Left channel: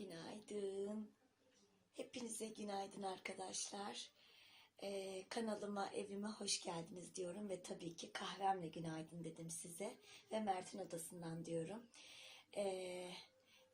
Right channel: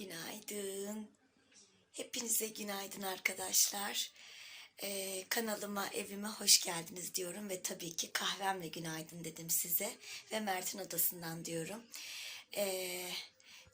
Günaydın. Hepinize günaydın arkadaşlar. Ee, kanalıma, evime hoş geldiniz diyorum ve tabii ki kahvemle günaydın dedim size ve Mert'in odasından diyorum. Ee,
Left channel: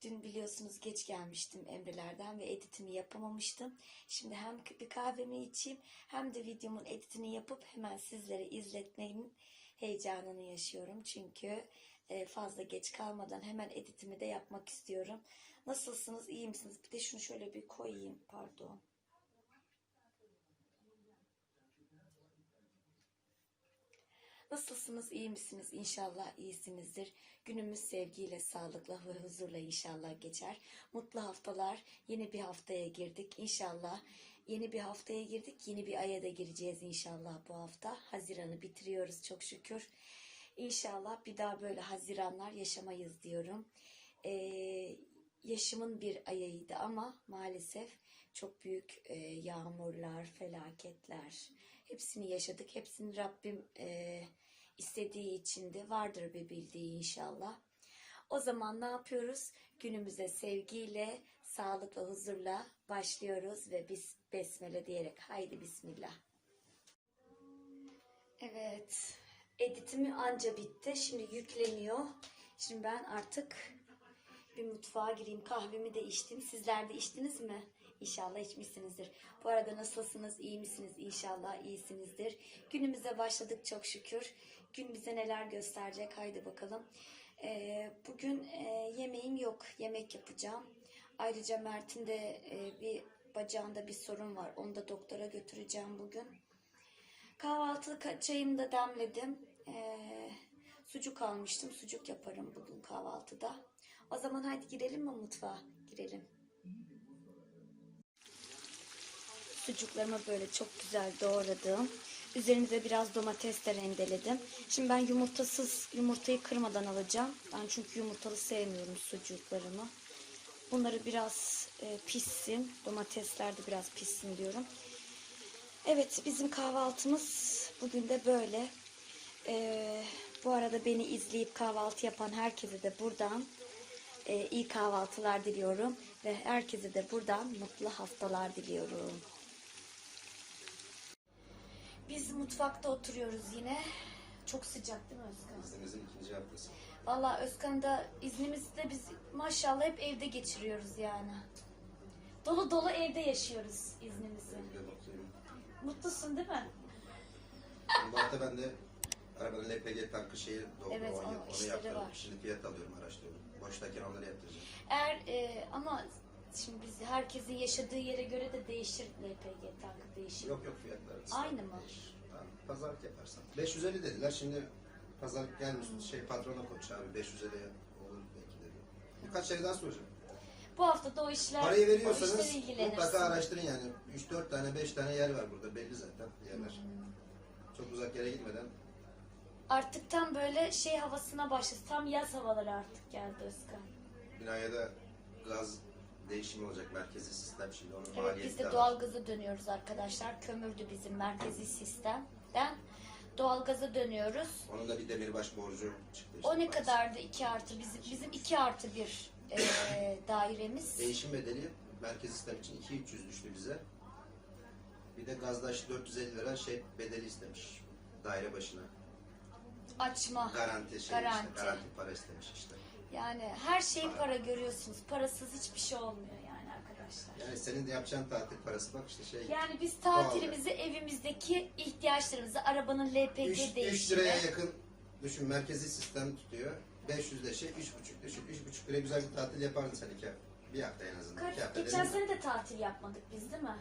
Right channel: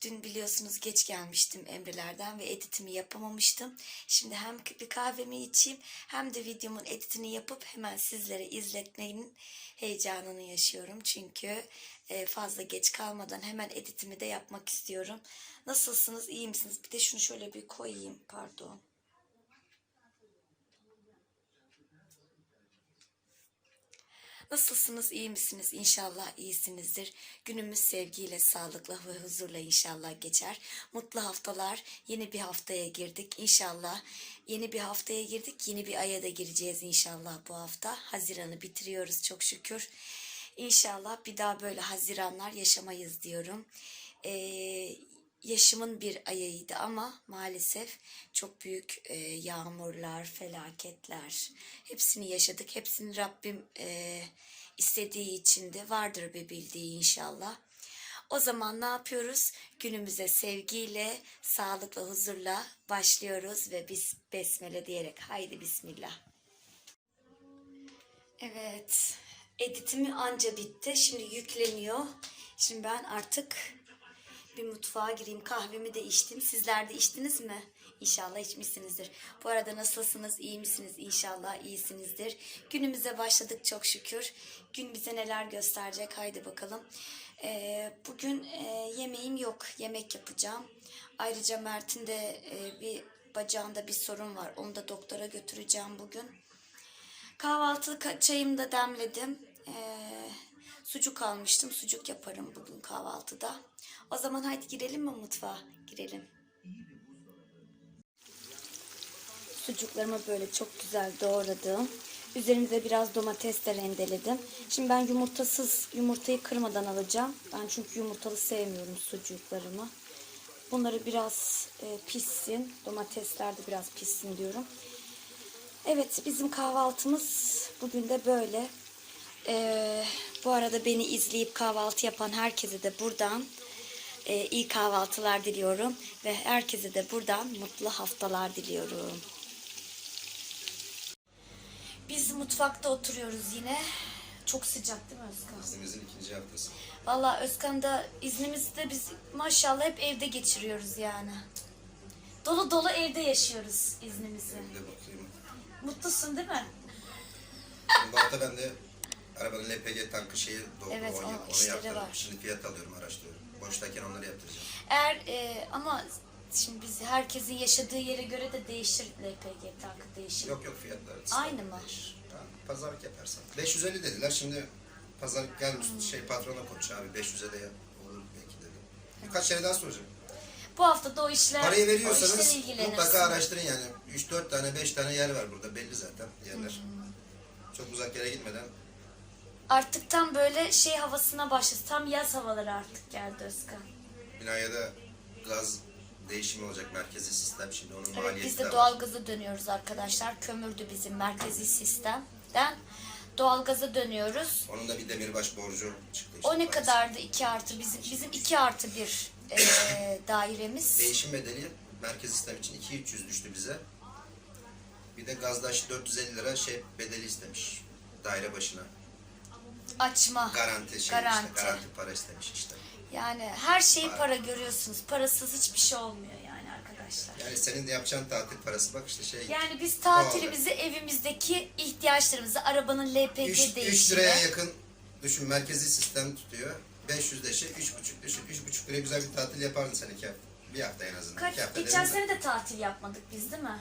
dün biliyorsunuz geç gelmiştim Emrelerden ve editimi yapamamıştım. Şimdi hem bir kahvemi içeyim hem de videomun editini yapıp hemen sizlere izletmenin heyecanını yaşıyorum. Çünkü e, fazla geç kalmadan hemen editimi de yapmak istiyorum. Nasılsınız? iyi misiniz? Bir de şunu şöyle bir koyayım. Pardon. Nasılsınız? iyi misiniz? İnşallah iyisinizdir. Günümüz sevgiyle, sağlıkla ve huzurla inşallah geçer. Mutlu haftalar. Yeni bir haftaya girdik. İnşallah yeni bir haftaya girdik. Yeni bir aya da gireceğiz inşallah bu hafta. Haziran'ı bitiriyoruz çok şükür. İnşallah bir daha böyle haziranlar yaşamayız diyorum. Ee, yaşımın bir ayıydı ama maalesef çok büyük e, yağmurlar, felaketler hepsini yaşadık. Hepsini Rabbim e, istediği için de vardır bir bildiği inşallah. O zaman ne yapıyoruz? Günümüze sevgiyle, sağlık ve huzurla başlıyoruz ve biz besmele diyerek haydi bismillah. Evet, editimi anca bitti. Şimdi yükleniyor. Şimdi ben artık bir mutfağa gireyim. Kahvemi de içtim. Sizler de içtiniz mi? İnşallah içmişsinizdir. Bu arada nasılsınız? İyi misiniz? İnşallah iyisinizdir. Günümüze başladık çok şükür. Gün bize neler gösterecek? Haydi bakalım. Ee, bugün e, yemeğim yok. Yemek yapacağım. Ayrıca Mert'in de e, bir bacağında bir sorun var. Onu da doktora götüreceğim bugün. Kahvaltı ka- çayımı da demledim. Ee, sucuk almıştım. Sucuk yaparım bugün kahvaltıda. O zaman haydi girelim mi mutfağa? Girelim. Sucuklarımı böyle çok güzel doğradım. Üzerimize biraz domates de rendeledim. Şimdi ben yumurtasız yumurtayı kırmadan alacağım. Ben çünkü yumurtalı sevmiyorum sucuklarımı. Bunları biraz e, pişsin. Domatesler de biraz pişsin diyorum. Evet bizim kahvaltımız bugün de böyle. Ee, bu arada beni izleyip kahvaltı yapan herkese de buradan e, iyi kahvaltılar diliyorum. Ve herkese de buradan mutlu haftalar diliyorum. Biz mutfakta oturuyoruz yine. Çok sıcak değil mi Özkan? İznimizin ikinci haftası. Valla Özkan'da iznimizde biz maşallah hep evde geçiriyoruz yani. Dolu dolu evde yaşıyoruz iznimizi. Bir de bakayım. Mutlusun değil mi? Bu hafta ben de arabanın LPG tankı şeyi doldu. Evet, onu, onu işleri yaptırdım. var. Şimdi fiyat alıyorum, araştırıyorum. Boştayken onları yaptıracağım. Eğer e, ama şimdi biz herkesin yaşadığı yere göre de değişir LPG tankı değişir. Yok yok fiyatlar. Aynı mı? Tamam, pazarlık yaparsan. 550 dediler. Şimdi pazarlık gelmiş şey patrona konuş abi 500'e de yap. olur belki dedi. Birkaç yere daha soracağım. Bu hafta da o işler Parayı o veriyorsanız ilgilenirsin. mutlaka araştırın yani. 3-4 tane 5 tane yer var burada belli zaten yerler. Hmm. Çok uzak yere gitmeden Artık tam böyle şey havasına başladı. Tam yaz havaları artık geldi Özkan. binaya da gaz değişimi olacak merkezi sistem şimdi onun Evet maliyeti biz de doğalgaza dönüyoruz arkadaşlar. Kömürdü bizim merkezi sistemden. Doğalgaza dönüyoruz. Onun da bir demirbaş borcu çıktı. işte O ne parası. kadardı 2 artı bizim bizim 2 artı bir e, dairemiz. Değişim bedeli merkez sistem için 2-300 düştü bize. Bir de gazdaş 450 lira şey bedeli istemiş daire başına. Açma. Garanti şey Garanti. işte garanti para istemiş işte. Yani her şeyi para görüyorsunuz. Parasız hiçbir şey olmuyor yani arkadaşlar. Yani senin de yapacağın tatil parası bak işte şey Yani biz tatilimizi evimizdeki ihtiyaçlarımızı arabanın LPG 3, 3 değişimi. liraya yakın düşün merkezi sistem tutuyor. 500 de şey 3,5 düşün. 3,5 liraya güzel bir tatil yapardın sen iki hafta. Bir hafta en azından. Kaç, iki hafta geçen sene de tatil yapmadık biz değil mi?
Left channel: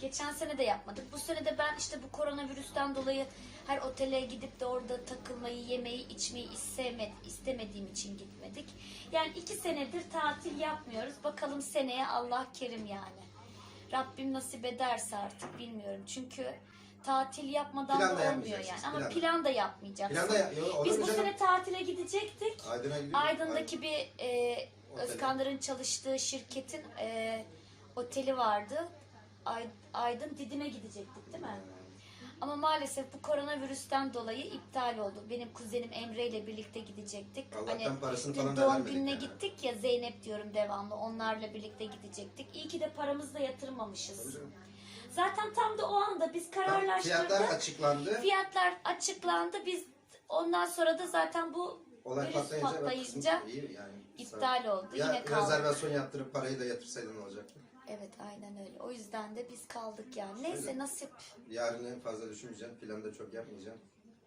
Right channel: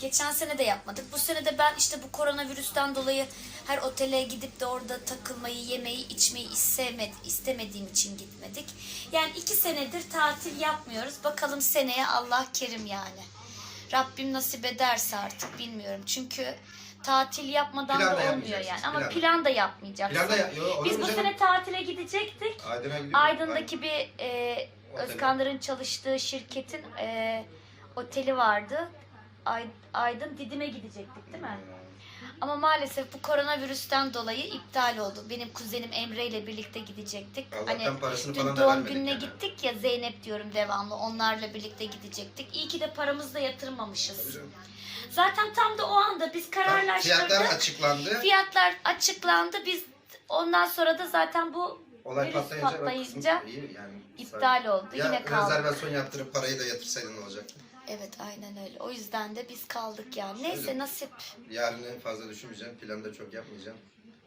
Geçen sene de yapmadık. Bu sene de ben işte bu koronavirüsten dolayı her otele gidip de orada takılmayı, yemeği, içmeyi istemedi, istemediğim için gitmedik. Yani iki senedir tatil yapmıyoruz. Bakalım seneye Allah kerim yani. Rabbim nasip ederse artık bilmiyorum. Çünkü tatil yapmadan Plan da olmuyor yani. Ama plan da. plan da yapmayacaksın. Plan da ya- yo, Biz bu canım? sene tatile gidecektik. Aydın'a. Aydın'daki bir e. Özkanların çalıştığı şirketin e, oteli vardı. Ay- Aydın Didim'e gidecektik değil mi? Ama maalesef bu koronavirüsten dolayı iptal oldu. Benim kuzenim Emre ile birlikte gidecektik. Allah'tan parasını dün falan da doğum vermedik gününe yani. gittik ya Zeynep diyorum devamlı. Onlarla birlikte gidecektik. İyi ki de paramızı da yatırmamışız. Zaten tam da o anda biz kararlaştırdık. Fiyatlar açıklandı. Fiyatlar açıklandı. Biz ondan sonra da zaten bu Olay virüs patlayınca, patlayınca iyi yani. iptal oldu. Ya Yine kaldı. rezervasyon yaptırıp parayı da yatırsaydın ne olacaktı? Evet aynen öyle. O yüzden de biz kaldık yani. Neyse nasip. Yarını fazla düşünmeyeceğim. Planı da çok yapmayacağım.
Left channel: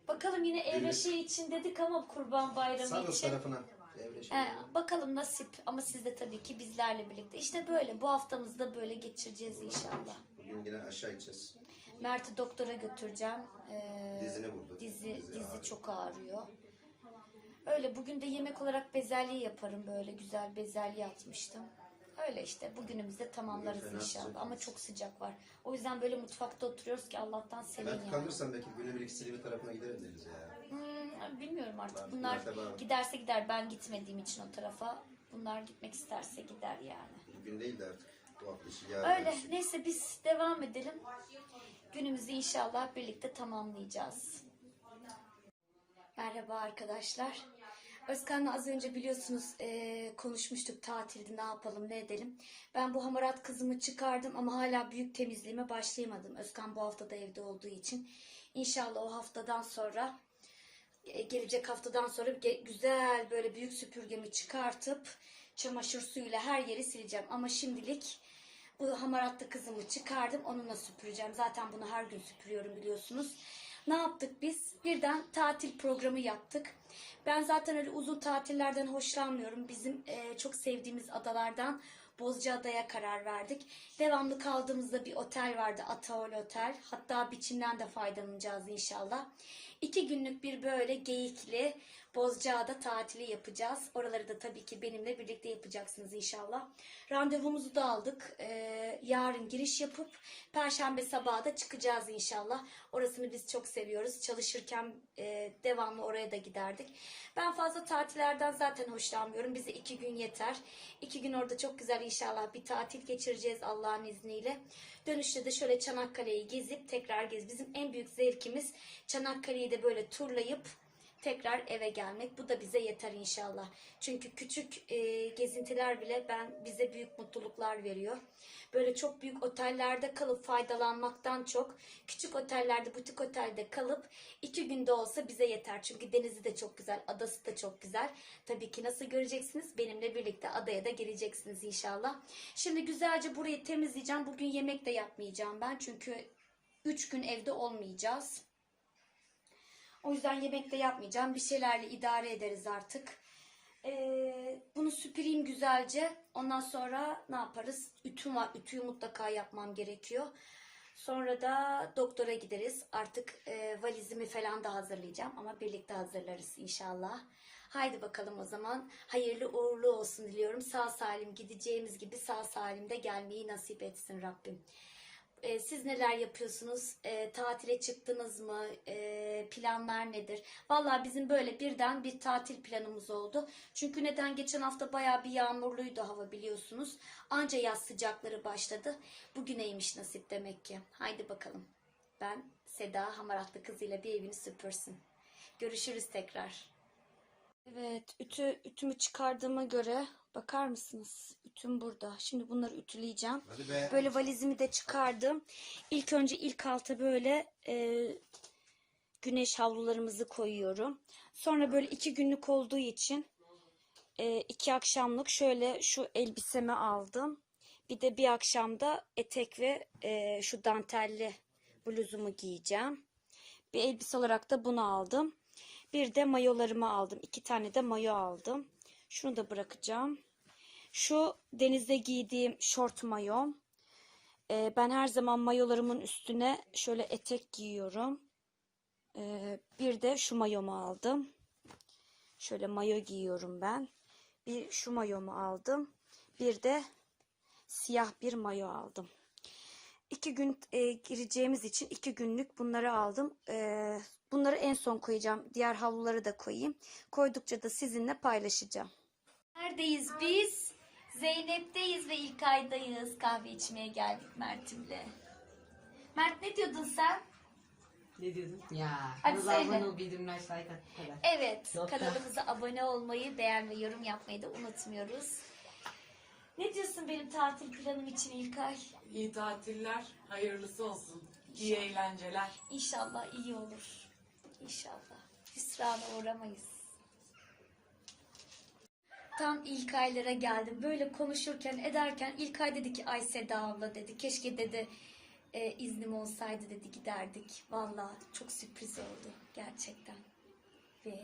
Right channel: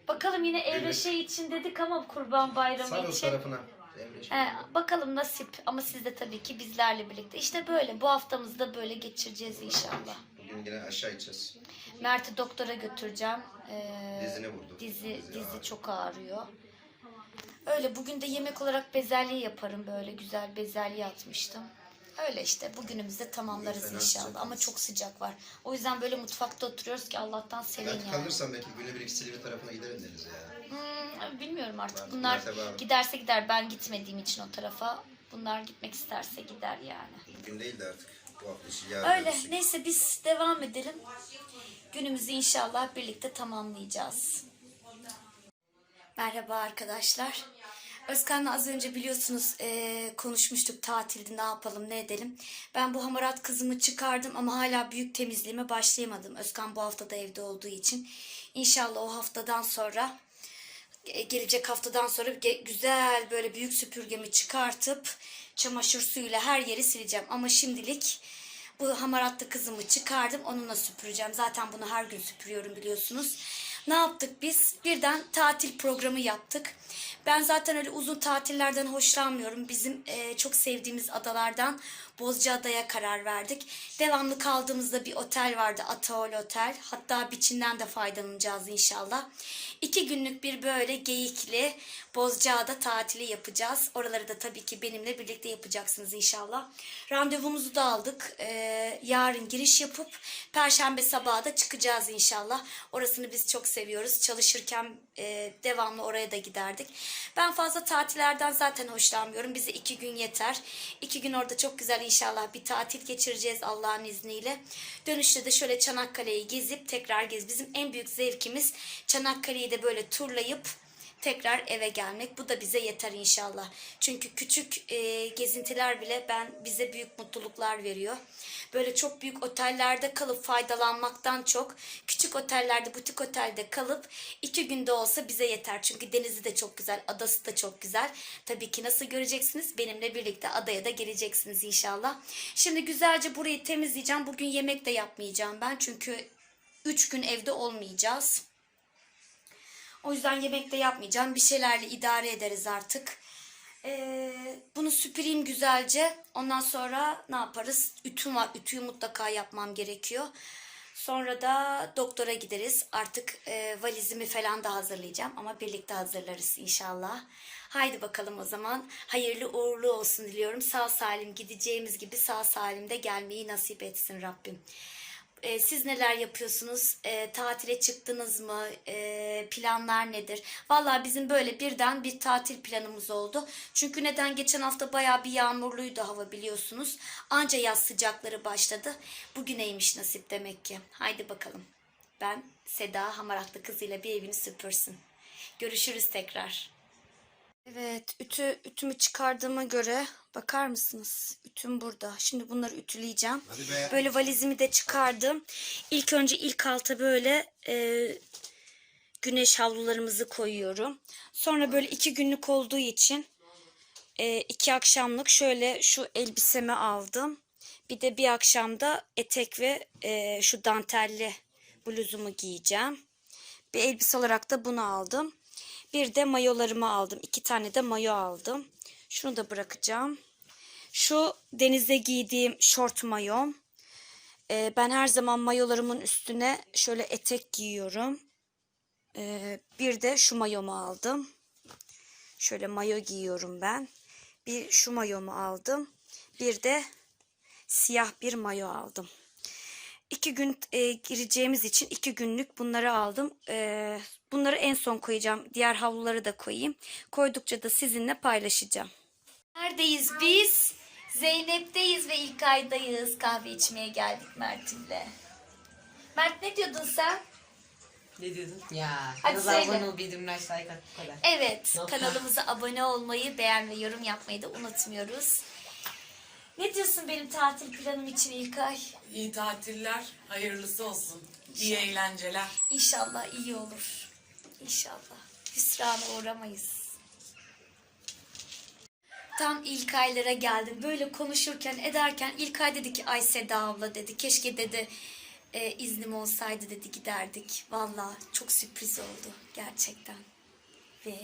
Bakalım yine Evet. şey için dedik ama kurban bayramı Saros için. tarafına. Emre şey. He, bakalım nasip ama siz de tabii ki bizlerle birlikte. İşte böyle bu haftamızı da böyle geçireceğiz inşallah. Bugün yine aşağı gideceğiz. Mert'i doktora götüreceğim. Ee, Dizini vurdu. Dizi, Dizi dizi ağrıyor. çok ağrıyor. Öyle bugün de yemek olarak bezelye yaparım böyle güzel bezelye atmıştım. Öyle işte bugünümüzü de tamamlarız Fena inşallah sıcak. ama çok sıcak var. O yüzden böyle mutfakta oturuyoruz ki Allah'tan serin Belki yani. kalırsan belki günübirlik Silivri tarafına gideriz denize yani. Hmm, bilmiyorum artık bunlar mertebe giderse gider ben gitmediğim için o tarafa. Bunlar gitmek isterse gider yani. Bugün değil de artık bu hafta işi yarın. Öyle gün. neyse biz devam edelim. Günümüzü inşallah birlikte tamamlayacağız. Merhaba arkadaşlar. Özkan'la az önce biliyorsunuz eee, konuşmuştuk tatilde ne yapalım ne edelim. Ben bu hamarat kızımı çıkardım ama hala büyük temizliğime başlayamadım. Özkan bu hafta da evde olduğu için. İnşallah o haftadan sonra e, gelecek haftadan sonra güzel böyle büyük süpürgemi çıkartıp çamaşır suyuyla her yeri sileceğim. Ama şimdilik bu hamaratlı kızımı çıkardım. Onunla süpüreceğim. Zaten bunu her gün süpürüyorum biliyorsunuz. Ne yaptık biz? Birden tatil programı yaptık. Ben zaten öyle uzun tatillerden hoşlanmıyorum. Bizim e, çok sevdiğimiz adalardan Bozcaada'ya karar verdik. Devamlı kaldığımızda bir otel vardı. Ataol Otel. Hatta biçinden de faydalanacağız inşallah. İki günlük bir böyle geyikli Bozcaada tatili yapacağız. Oraları da tabii ki benimle birlikte yapacaksınız inşallah. Randevumuzu da aldık. Ee, yarın giriş yapıp Perşembe sabahı da çıkacağız inşallah. Orasını biz çok seviyoruz. Çalışırken e, devamlı oraya da giderdik. Ben fazla tatillerden zaten hoşlanmıyorum. Bize iki gün yeter. İki gün orada çok güzel inşallah bir tatil geçireceğiz Allah'ın izniyle. Dönüşte de şöyle Çanakkale'yi gezip tekrar gez. Bizim en büyük zevkimiz Çanakkale'yi de böyle turlayıp tekrar eve gelmek. Bu da bize yeter inşallah. Çünkü küçük e, gezintiler bile ben bize büyük mutluluklar veriyor. Böyle çok büyük otellerde kalıp faydalanmaktan çok küçük otellerde, butik otelde kalıp iki günde olsa bize yeter. Çünkü denizi de çok güzel, adası da çok güzel. Tabii ki nasıl göreceksiniz? Benimle birlikte adaya da geleceksiniz inşallah. Şimdi güzelce burayı temizleyeceğim. Bugün yemek de yapmayacağım ben. Çünkü üç gün evde olmayacağız. O yüzden yemek de yapmayacağım. Bir şeylerle idare ederiz artık. Ee, bunu süpüreyim güzelce. Ondan sonra ne yaparız? Ütüm var. Ütüyü mutlaka yapmam gerekiyor. Sonra da doktora gideriz. Artık e, valizimi falan da hazırlayacağım. Ama birlikte hazırlarız inşallah. Haydi bakalım o zaman. Hayırlı uğurlu olsun diliyorum. Sağ salim gideceğimiz gibi sağ salim de gelmeyi nasip etsin Rabbim. Ee, siz neler yapıyorsunuz? Ee, tatile çıktınız mı? Ee, planlar nedir? Vallahi bizim böyle birden bir tatil planımız oldu. Çünkü neden? Geçen hafta bayağı bir yağmurluydu hava biliyorsunuz. Anca yaz sıcakları başladı. Bugüneymiş nasip demek ki. Haydi bakalım. Ben Seda Hamaratlı kızıyla bir evini süpürsün. Görüşürüz tekrar. Evet, ütü ütümü çıkardığıma göre bakar mısınız? Ütüm burada. Şimdi bunları ütüleyeceğim. Böyle valizimi de çıkardım. İlk önce ilk alta böyle e, güneş havlularımızı koyuyorum. Sonra böyle iki günlük olduğu için e, iki akşamlık şöyle şu elbisemi aldım. Bir de bir akşamda etek ve e, şu dantelli bluzumu giyeceğim. Bir elbise olarak da bunu aldım. Bir de mayolarımı aldım. İki tane de mayo aldım. Şunu da bırakacağım. Şu denizde giydiğim şort mayom. Ee, ben her zaman mayolarımın üstüne şöyle etek giyiyorum. Ee, bir de şu mayomu aldım. Şöyle mayo giyiyorum ben. Bir şu mayomu aldım. Bir de siyah bir mayo aldım. İki gün e, gireceğimiz için iki günlük bunları aldım. E, bunları en son koyacağım. Diğer havluları da koyayım. Koydukça da sizinle paylaşacağım. Neredeyiz biz? Zeynep'teyiz ve ilk aydayız. Kahve içmeye geldik Mert'imle. Mert ne diyordun sen? Ne diyordun? Ya. Hadi Kanala söyle. abone ol, bildirimler like at bu kadar. Evet, Nokta. kanalımıza abone olmayı, beğen ve yorum yapmayı da unutmuyoruz. Ne diyorsun benim tatil planım için İlkay? İyi tatiller, hayırlısı olsun. İyi eğlenceler. İnşallah iyi olur. İnşallah. Hüsrana uğramayız. Tam İlkaylara geldim. Böyle konuşurken ederken İlkay dedi ki ay Seda abla dedi. Keşke dedi e, iznim olsaydı dedi giderdik. Valla çok sürpriz oldu gerçekten. Ve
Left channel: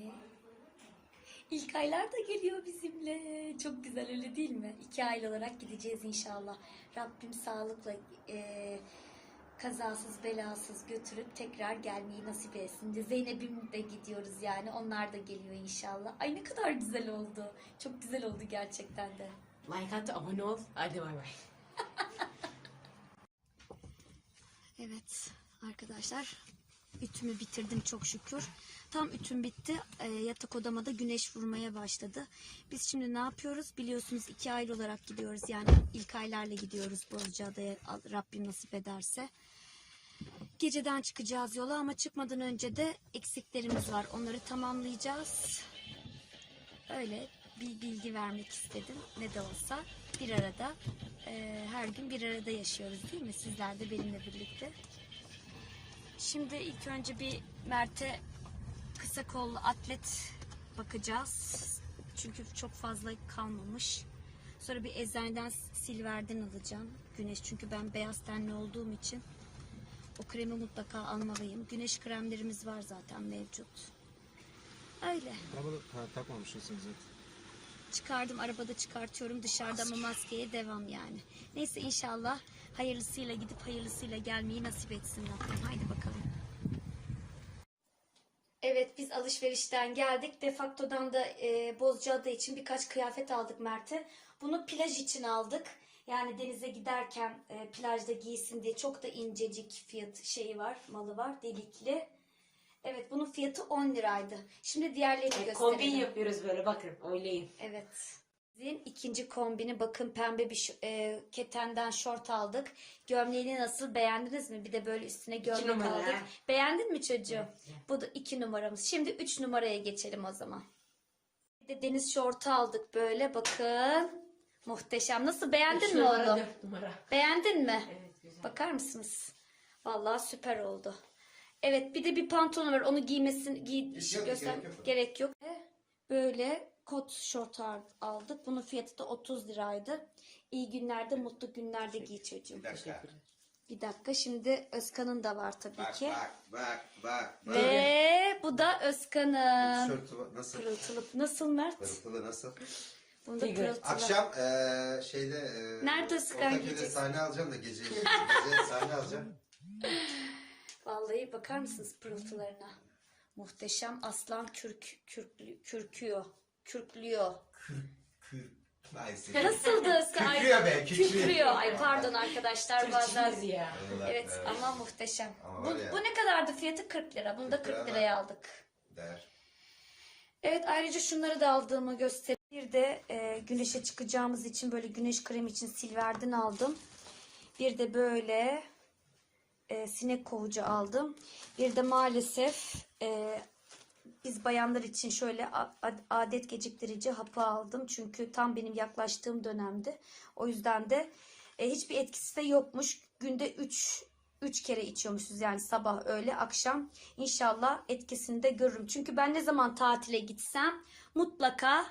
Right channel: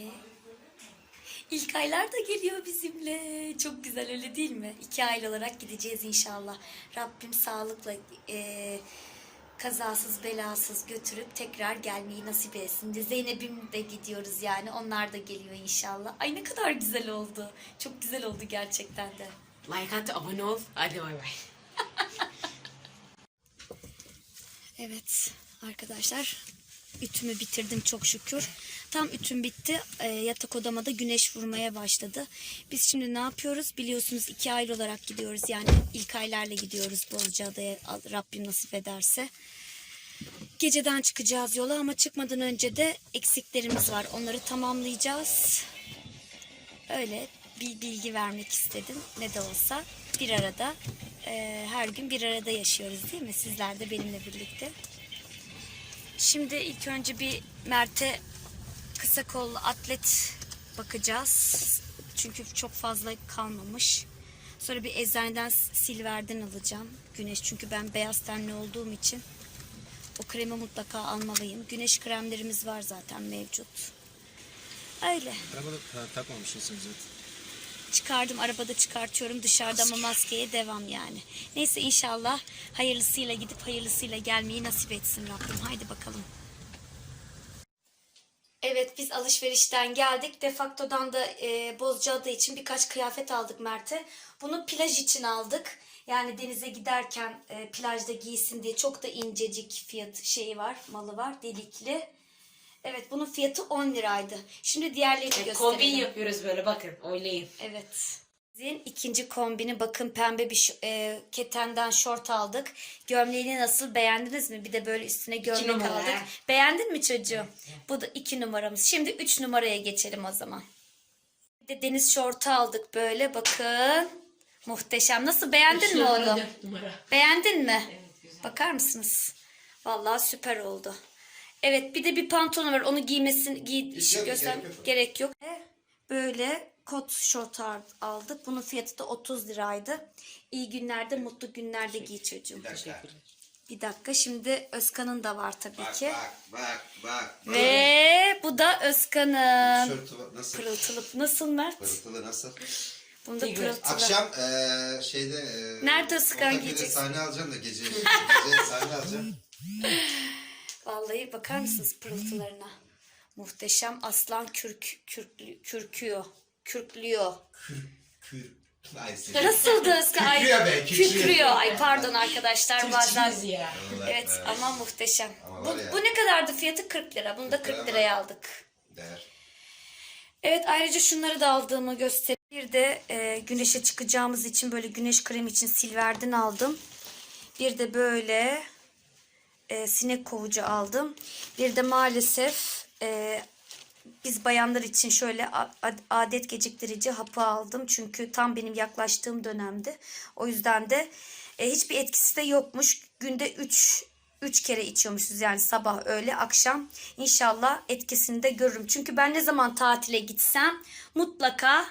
İlkaylar da geliyor bizimle. Çok güzel öyle değil mi? İki aile olarak gideceğiz inşallah. Rabbim sağlıkla e, kazasız belasız götürüp tekrar gelmeyi nasip etsin. De Zeynep'im de gidiyoruz yani. Onlar da geliyor inşallah. Ay ne kadar güzel oldu. Çok güzel oldu gerçekten de. Like at, abone ol. Hadi bay bay. Evet arkadaşlar ütümü bitirdim çok şükür. Tam ütüm bitti. Ee, yatak odama da güneş vurmaya başladı. Biz şimdi ne yapıyoruz? Biliyorsunuz iki aile olarak gidiyoruz. Yani ilk aylarla gidiyoruz Bozcaada'ya Rabbim nasip ederse. Geceden çıkacağız yola ama çıkmadan önce de eksiklerimiz var. Onları tamamlayacağız. Öyle bir bilgi vermek istedim. Ne de olsa bir arada e, her gün bir arada yaşıyoruz değil mi? Sizler de benimle birlikte. Şimdi ilk önce bir Mert'e kısa kollu atlet bakacağız. Çünkü çok fazla kalmamış. Sonra bir eczaneden silverden alacağım. Güneş çünkü ben beyaz tenli olduğum için o kremi mutlaka almalıyım. Güneş kremlerimiz var zaten mevcut. Öyle. Arabada takmamışsınız zaten. Çıkardım arabada çıkartıyorum dışarıda ama maskeye devam yani. Neyse inşallah hayırlısıyla gidip hayırlısıyla gelmeyi nasip etsin Rabbim. Haydi bakalım. Evet biz alışverişten geldik. Defakto'dan da e, Bozcaada için birkaç kıyafet aldık Mert'e. Bunu plaj için aldık. Yani denize giderken e, plajda giysin diye çok da incecik fiyat şeyi var, malı var, delikli. Evet bunun fiyatı 10 liraydı. Şimdi diğerlerini gösterelim. Kombin yapıyoruz böyle bakın. Oylayın. Evet. Bizim ikinci kombini bakın pembe bir e, ketenden şort aldık. Gömleğini nasıl beğendiniz mi? Bir de böyle üstüne gömlek aldık. Beğendin mi çocuğum? Bu da iki numaramız. Şimdi üç numaraya geçelim o zaman. Bir de deniz şortu aldık böyle bakın. Muhteşem. Nasıl beğendin mi Numara, onu? numara. Beğendin mi? Evet, güzel. Bakar mısınız? Vallahi süper oldu. Evet bir de bir pantolon var. Onu giymesin giy göster gerek yok. gerek yok. Böyle kot şort aldık. Bunun fiyatı da 30 liraydı. İyi günlerde, mutlu günlerde giy çocuğum. Bir dakika. Bir dakika şimdi Özkan'ın da var tabii Bak ki. bak bak bak. bak. Ve bu da Özkan'ın. Tişörtü nasıl? Pırıltılı. Nasıl Mert? Pırıltılı nasıl? Bunda Tigre. pırıltılı. Akşam eee şeyde eee Nerede Özkan Ortaköy'de giyeceksin? sahne alacağım da gece. gece sahne alacağım. Vallahi bakar mısınız pırıltılarına? Muhteşem aslan kürk, kürklü, kürküyor. Kürklüyor. Kür. Neyse. Nasıldı? Ay, Kükrüyor be, kükrüyor. Kükrüyor. Ay pardon arkadaşlar bazen. Ya. Allah Evet be. ama muhteşem. Ama Bu, ya. bu ne kadardı fiyatı? 40 lira. Bunu da 40 lira 40 ama- liraya aldık. Değer. Evet ayrıca şunları da aldığımı göstereyim. Bir de e, güneşe çıkacağımız için böyle güneş kremi için silverden aldım. Bir de böyle e, sinek kovucu aldım. Bir de maalesef e, biz bayanlar için şöyle adet geciktirici hapı aldım. Çünkü tam benim yaklaştığım dönemdi. O yüzden de e, hiçbir etkisi de yokmuş. Günde 3 3 kere içiyormuşuz yani sabah öğle akşam. İnşallah etkisini de görürüm. Çünkü ben ne zaman tatile gitsem mutlaka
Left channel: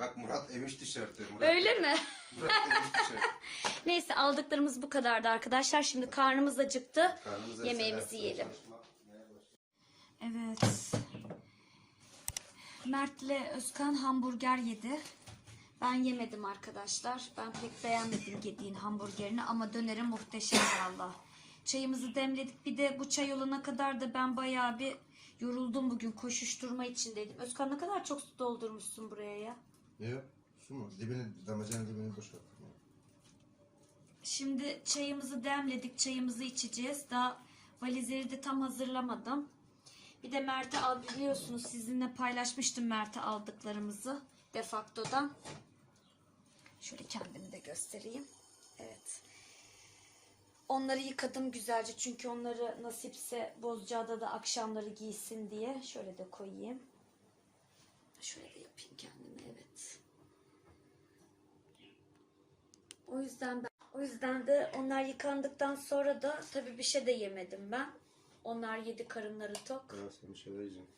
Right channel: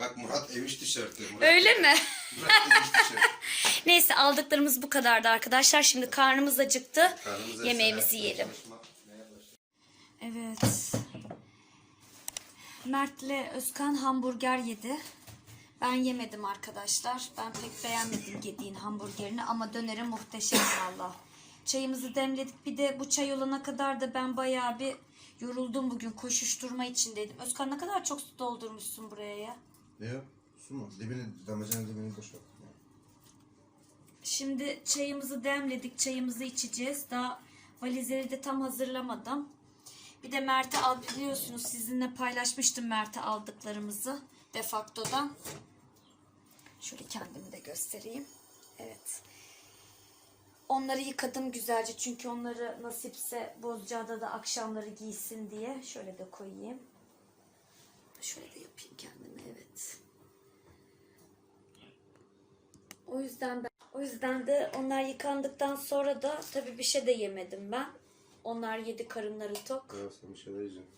Bak Murat emiş tişörtü. Murat, öyle mi? Murat emiş tişörtü. Neyse aldıklarımız bu kadardı arkadaşlar. Şimdi karnımız acıktı. Karnımız Yemeğimizi yiyelim. Evet. Mert'le Özkan hamburger yedi. Ben yemedim arkadaşlar. Ben pek beğenmedim yediğin hamburgerini ama döneri muhteşem valla. Çayımızı demledik. Bir de bu çay olana kadar da ben bayağı bir yoruldum bugün. Koşuşturma içindeydim. Özkan ne kadar çok su doldurmuşsun buraya ya. Ne yok? Su mu? Dibini, damacanın dibini boşalttım. ya. Şimdi çayımızı demledik. Çayımızı içeceğiz. Daha valizleri de tam hazırlamadım. Bir de Mert'e al biliyorsunuz sizinle paylaşmıştım Mert'e aldıklarımızı defaktodan. Şöyle kendimi de göstereyim. Evet. Onları yıkadım güzelce çünkü onları nasipse Bozcaada da akşamları giysin diye. Şöyle de koyayım. Şöyle de yapayım kendime evet. O yüzden ben, o yüzden de onlar yıkandıktan sonra da tabii bir şey de yemedim ben. Onlar yedi karınları tok. Ya sen bir şeyler yiyeceksin.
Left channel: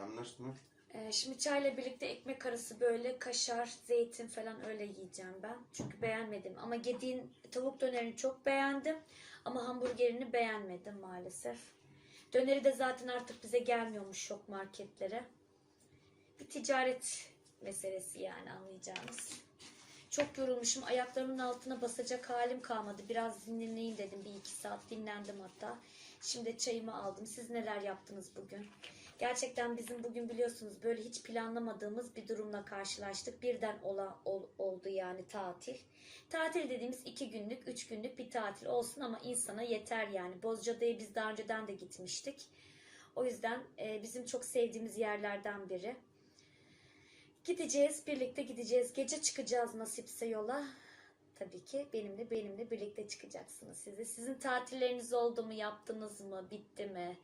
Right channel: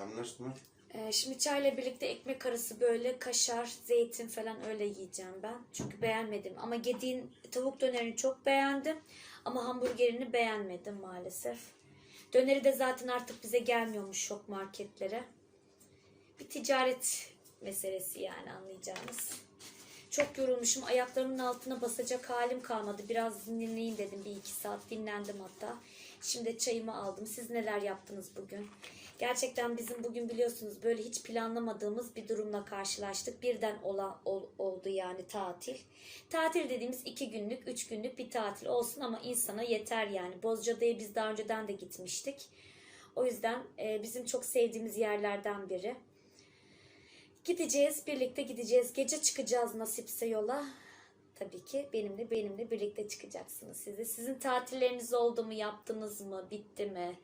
Anlaştın mı? Ee, şimdi çayla birlikte ekmek arası böyle kaşar, zeytin falan öyle yiyeceğim ben. Çünkü beğenmedim. Ama yediğin tavuk dönerini çok beğendim. Ama hamburgerini beğenmedim maalesef. Döneri de zaten artık bize gelmiyormuş şok marketlere. Bir ticaret meselesi yani anlayacağınız. Çok yorulmuşum. Ayaklarımın altına basacak halim kalmadı. Biraz dinleneyim dedim. Bir iki saat dinlendim hatta. Şimdi çayımı aldım. Siz neler yaptınız bugün? Gerçekten bizim bugün biliyorsunuz böyle hiç planlamadığımız bir durumla karşılaştık. Birden ola, ol- oldu yani tatil. Tatil dediğimiz iki günlük, üç günlük bir tatil olsun ama insana yeter yani. Bozcaada'ya biz daha önceden de gitmiştik. O yüzden e, bizim çok sevdiğimiz yerlerden biri. Gideceğiz, birlikte gideceğiz. Gece çıkacağız nasipse yola. Tabii ki benimle benimle birlikte çıkacaksınız siz de. Sizin tatilleriniz oldu mu, yaptınız mı, bitti mi?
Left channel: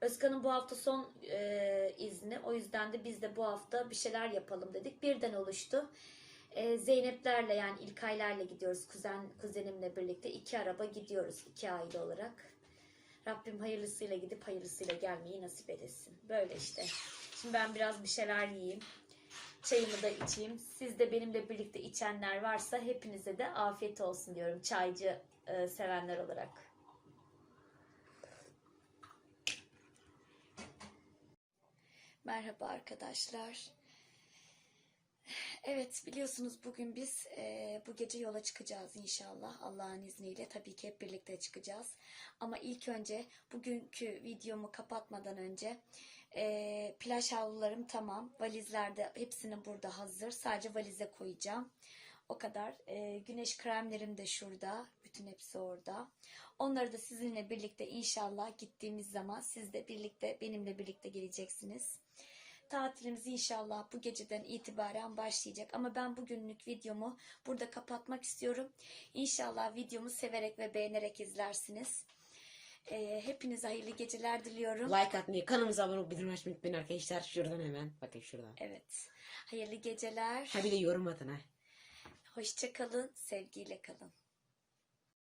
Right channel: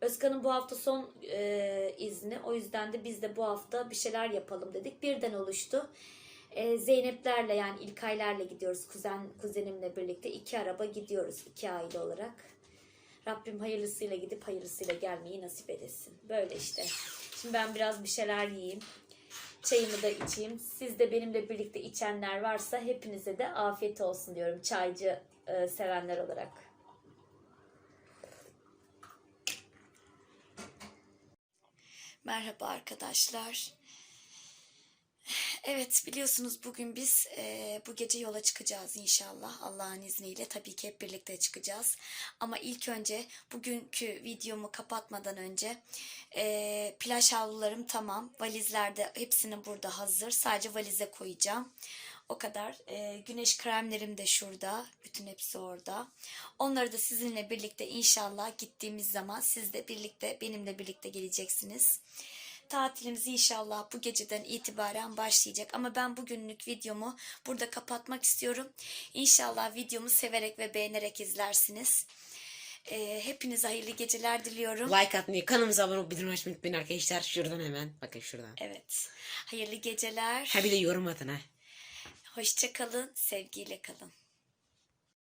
Özkan'ın bu hafta son e, izni. O yüzden de biz de bu hafta bir şeyler yapalım dedik. Birden oluştu. E, Zeynep'lerle yani İlkay'larla gidiyoruz. Kuzen kuzenimle birlikte iki araba gidiyoruz iki aile olarak. Rabbim hayırlısıyla gidip hayırlısıyla gelmeyi nasip edesin. Böyle işte. Şimdi ben biraz bir şeyler yiyeyim. Çayımı da içeyim. Siz de benimle birlikte içenler varsa hepinize de afiyet olsun diyorum çaycı e, sevenler olarak. Merhaba arkadaşlar. Evet biliyorsunuz bugün biz e, bu gece yola çıkacağız inşallah Allah'ın izniyle tabii ki hep birlikte çıkacağız. Ama ilk önce bugünkü videomu kapatmadan önce e, plaj havlularım tamam valizler de hepsini burada hazır sadece valize koyacağım. O kadar. E, güneş kremlerim de şurada. Bütün hepsi orada. Onları da sizinle birlikte inşallah gittiğimiz zaman siz de birlikte benimle birlikte geleceksiniz. Tatilimiz inşallah bu geceden itibaren başlayacak. Ama ben bugünlük videomu burada kapatmak istiyorum. İnşallah videomu severek ve beğenerek izlersiniz. E, hepinize hayırlı geceler diliyorum. Like atmayı, kanalımıza abone olup bildirim açmayı unutmayın arkadaşlar. Şuradan hemen. Bakın şuradan. Evet. Hayırlı geceler. Ha bir de yorum atın ha. Hoşça kalın. Sevgiyle kalın.